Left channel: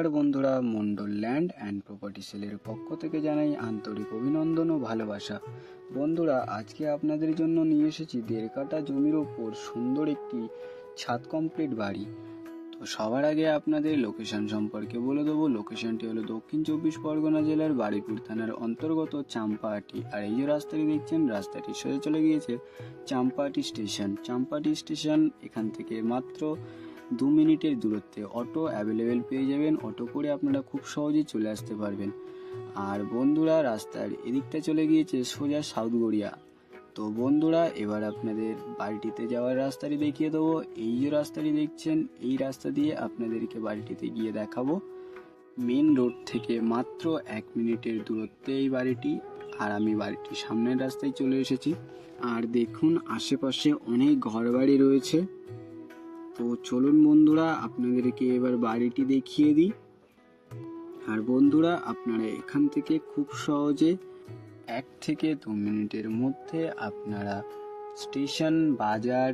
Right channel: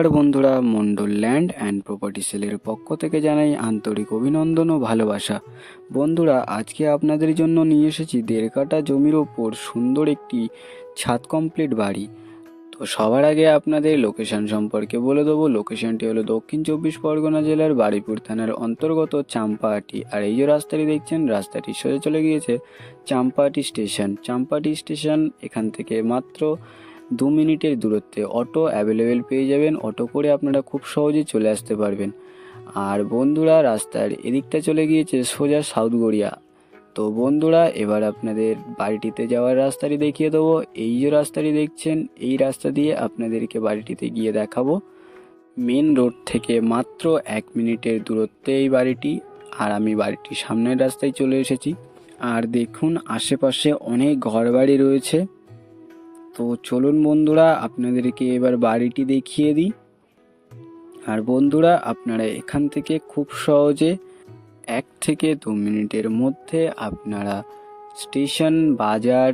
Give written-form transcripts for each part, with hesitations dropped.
নমস্কার বন্ধুরা, Mondal land and property সেলের পক্ষ থেকে জানাই আন্তরিক অভিনন্দন ও ভালোবাসা। বন্ধুরা, আজকে আপনাদের জন্য নিয়ে এসেছি 1.5 কাঠা জমির ওপর সুন্দর একটি ছাদ কমপ্লিট বাড়ি। তো সবার আগে আপনাদের লোকেশন সম্পর্কে বলে দেবো। লোকেশনটি হলো দক্ষিণ 24 পরগনা জেলার বারুইপুর থানার অন্তর্গত চাম্পাহাটি। আর এই যে রাস্তাটি দেখছেন, রাস্তাটি সোজা চলে গিয়েছে চাম্পাহাটি স্টেশন। চাম্পাহাটি স্টেশন এখান থেকে মাত্র 2 মিনিটের দূরত্বে অটো অ্যাভেলেবেল পেয়ে যাবেন। অটো করে আপনারা খুব সহজেই চলে আসতে পারবেন। আর বন্ধুরা, রাস্তার এদিকটা চলে গিয়েছে সোজা সাউথ গড়িয়া। তো বন্ধুরা, এবার আপনাদের বাড়িটিতে যাওয়ার রাস্তাটি দেখিয়ে দেবো। এই যে রাস্তাটি দেখছেন, এই রাস্তা দিয়ে আপনাদেরকে বাড়িটিতে গিয়ে দেখাবো। মেন রোড থেকে মাত্র 1 মিনিটের দূরত্বে এই বাড়িটি। আর আমি বাড়িটির সামনের রাস্তায় চলে এসেছি। আর দেখুন, আশেপাশে অনেক ঘরবাড়ি রয়েছে। তো চলুন বন্ধুরা, আপনাদেরকে এবার বাড়িটি দেখিয়ে দিই। আর বন্ধুরা, আপনারা এখান থেকে খুব সহজে 1 থেকে 2 মিনিটের মধ্যে আপনারা স্টেশন, বাজার,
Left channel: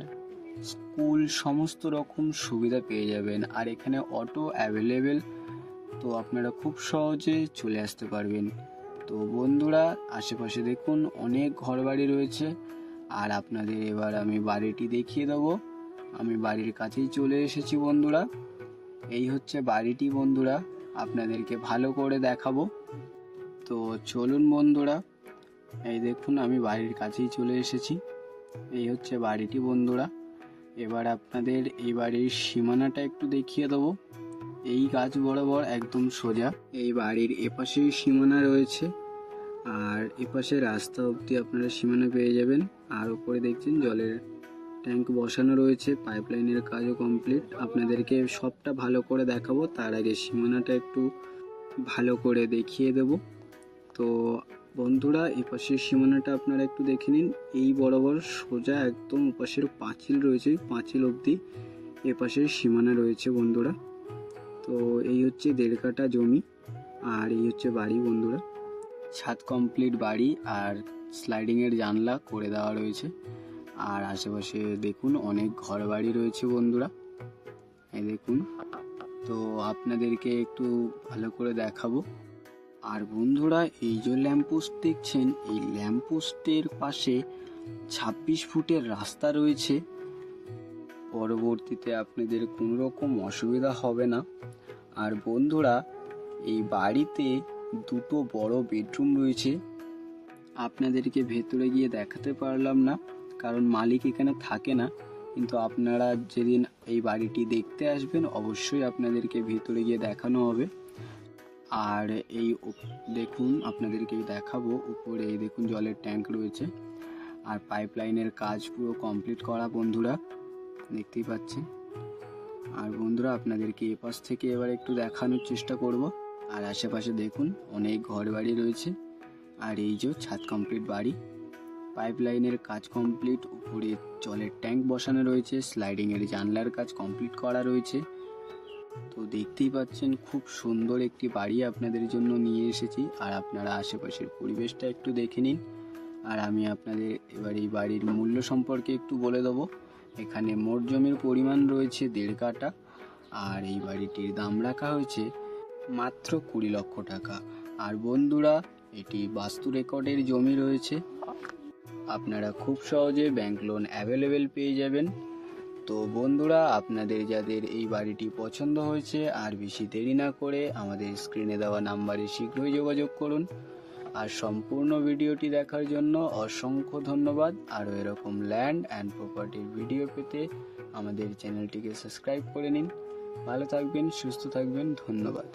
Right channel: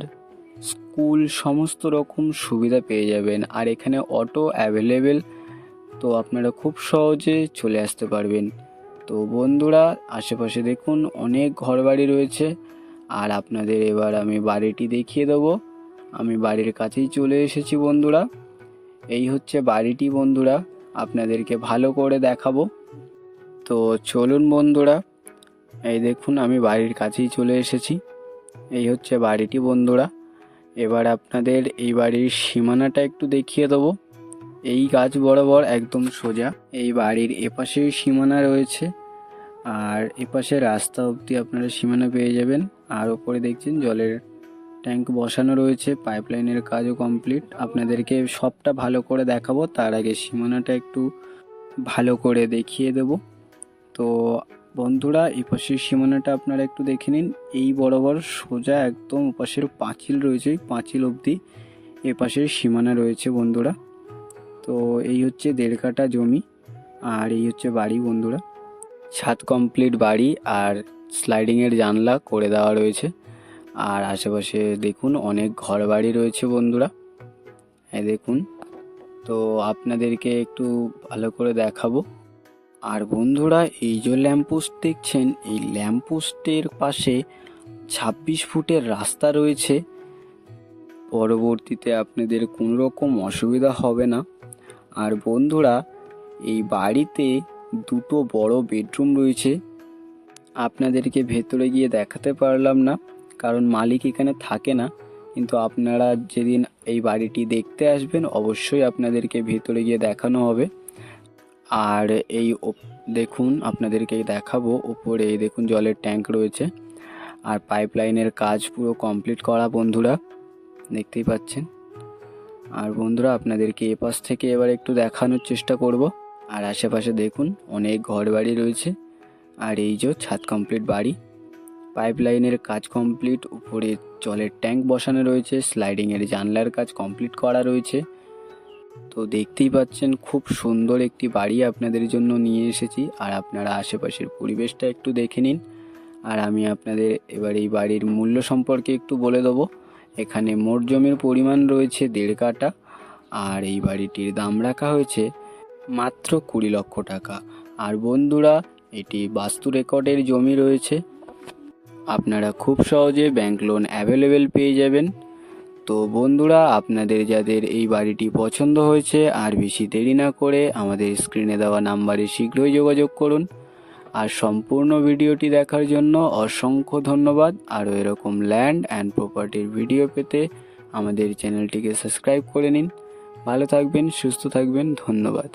স্কুল সমস্ত রকম সুবিধা পেয়ে যাবেন। আর এখানে অটো অ্যাভেলেবেল, তো আপনারা খুব সহজে চলে আসতে পারবেন। তো বন্ধুরা, আশেপাশে দেখুন অনেক ঘরবাড়ি রয়েছে। আর আপনাদের এবার আমি বাড়িটি দেখিয়ে দেবো। আমি বাড়ির কাছেই চলে এসেছি বন্ধুরা। এই হচ্ছে বাড়িটি বন্ধুরা, আপনাদেরকে ভালো করে দেখাবো। তো চলুন বন্ধুরা, এই দেখুন আমি বাড়ির কাছেই চলে এসেছি। এই হচ্ছে বাড়িটি বন্ধুরা। এবার আপনাদের এই বাড়ির সীমানাটা একটু দেখিয়ে দেবো। এই গাছ বরাবর একদম সোজা এই বাড়ির এপাশেই সীমানা রয়েছে। আর এপাশে রাস্তা অবধি আপনারা সীমানা পেয়ে যাবেন। আর ওপরে দেখছেন জলের ট্যাঙ্ক বসানো রয়েছে, পাইপলাইনের কাজও কমপ্লিট। আপনাদেরকে সবটা ভালো করে দেখাবো, তার আগে সীমানাটা একটু ভালো করে দেখিয়ে দেব। তো বন্ধুরা, এই পাশের সীমানাটা আপনারা একটু দেখে নিন। এই বরাবর সোজা একদম ওপাশের পাঁচিল রয়েছে, পাঁচিল অবধি এপাশের সীমানা রয়েছে বন্ধুরা। তো এই হচ্ছে 1.5 কাঠা জমি। আর এই হচ্ছে বাড়ি বন্ধুরা, ছাদ কমপ্লিট বাড়ি। আর স্লাইডিংয়ের জানলা করে দেওয়া রয়েছে। আর আশেপাশে দেখুন অনেক ঘর বাড়ি রয়েছে বন্ধুরা, এই দেখুন। তো আপনাদেরকে একটু ভালো করে দেখাবো। আর বন্ধুরা, এই যে ল্যাম্পপোস্ট দেখছেন, এই ল্যাম্পপোস্টের পাশে 26 ফুটের রাস্তা রয়েছে। পরবর্তীতে আপনাদের কোনো রকম অসুবিধা হবে না। আর বন্ধুরা, এই বাড়িতে 2টো বড় বেডরুম রয়েছে। আপনাদেরকে ভেতরে গিয়ে দেখাতে পারলাম না, কারণ মালিক এখানে থাকে না। কিন্তু আপনারা যেদিন এই বাড়িটি দেখতে আসবেন, অবশ্যই আপনাদেরকে ভেতরে গিয়ে দেখানো হবে। আর এই দেখুন, আপনাদেরকে দেখাবো ওপরে এই দেখুন জলের ট্যাঙ্ক রয়েছে। আর পাইপলাইনের কাজ পুরো কমপ্লিট করা বন্ধুরা, দেখতেই পাচ্ছেন। আর বন্ধুরা, আপনাদেরকে এপাশ থেকে এবার একটু দেখানোর চেষ্টা করব। আর আশেপাশে দেখুন অনেক ঘর বাড়ি রয়েছে। আর এই যে ছাদ কমপ্লিট বাড়ি, পাইপলাইনের কাজ কমপ্লিট, উপরে জলের ট্যাঙ্ক বসানো রয়েছে, স্লাইডিংয়ের জানলার কাজ কমপ্লিট করা রয়েছে। তো দেখতেই পাচ্ছেন খুব সুন্দর একটি বাড়ি আপনাদের জন্য নিয়ে এসেছি। আর আপনারা আশেপাশের পরিবেশটা একটু দেখে নিন। আর আমি আপনাদের এবার এই বাড়ির মূল্য সম্পর্কে একটু বলে দেবো। এখানে মোট জমির পরিমাণ রয়েছে 1.5 কাঠা। আর এই বাড়িটির দাম রাখা হয়েছে মাত্র 20 লক্ষ টাকা। আর বন্ধুরা, এটি বাস্তু রেকর্ডের জমি রয়েছে। আপনারা খুব সহজে ব্যাংক লোন অ্যাভেলেবেল পেয়ে যাবেন। তো বন্ধুরা, আপনাদের যাদের এই বাড়িটি পছন্দ হয়েছে, আর বেশি দেরি না করে আমাদের স্ক্রিনে দেওয়া নাম্বারে শীঘ্রই যোগাযোগ করুন। আর সম্পূর্ণ ভিডিওটি দেখার জন্য অসংখ্য ধন্যবাদ। আরও এরকম ল্যান্ড অ্যান্ড প্রপার্টির ভিডিও পেতে আমাদের চ্যানেলটিকে সাবস্ক্রাইব করে নিন। ভালো থাকবেন, সুস্থ থাকবেন, ধন্যবাদ।